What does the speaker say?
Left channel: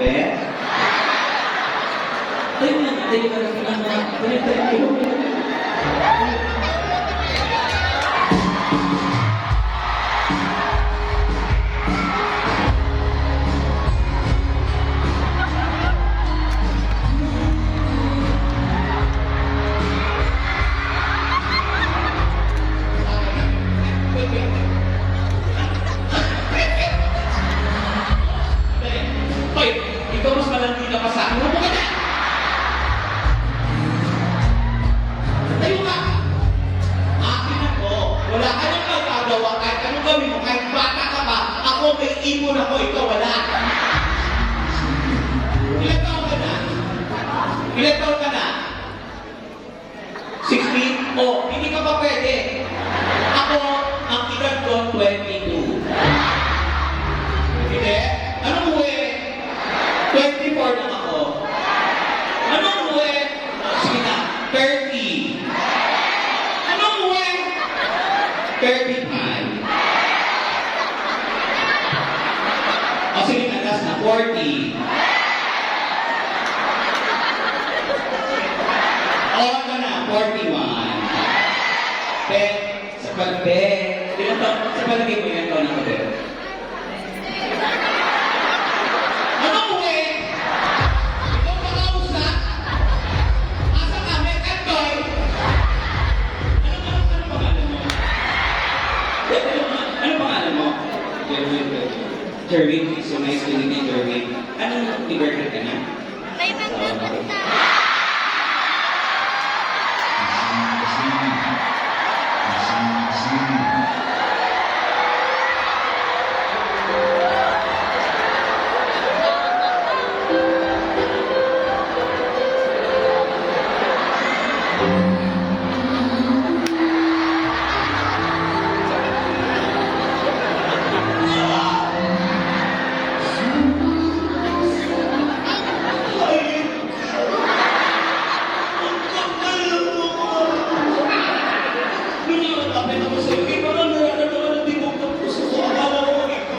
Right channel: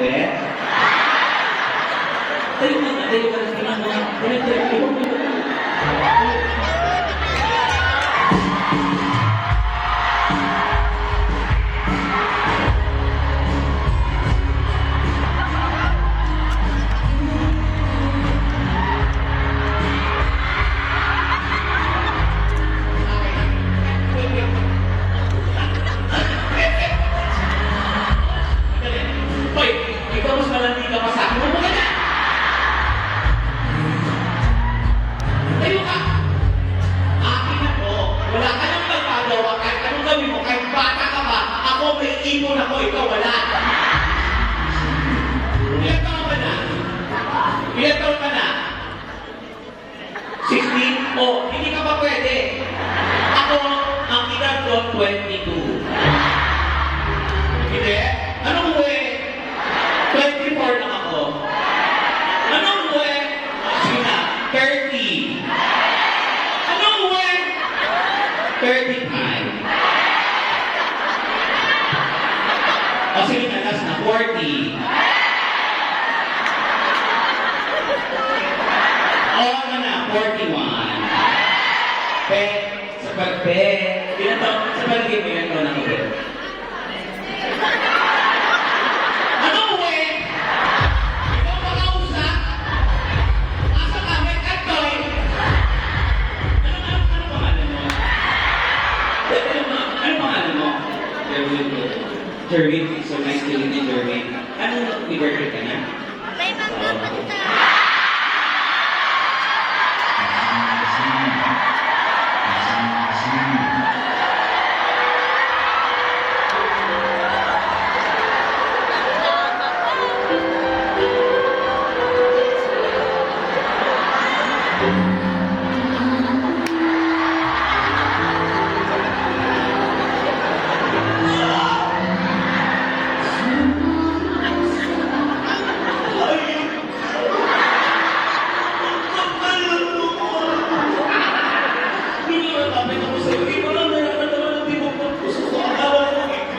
uwi? Tayo ka na kinama. Tayo. Hoy, ikaw mas malandi ka pa sa akin. Ano ka na? Tayo ka! Akin ako. Wala ka nang magagawa kahit anong gawin mo. Kahit bata ka pa, ako may ipon ako, ikaw wala. Ilan taon ka na? Ilan taon ka na? 16? Oh, hindi ka pa pwede. Ako, ang edad ko, 22. Hindi? Anong uwi? 24 lang ako. Anong uwi? Sige na, 30. Anong uwi? 35. O sige na, last na, 40. O ano na, 41. Bet, sa pag-bet. Ilan taon, sa palagay mo, ilan taon ako bet? Jerwin, it's so nice to meet you, Jerwin. Anong nag-worker ka na? May magtatanong ka. Kasi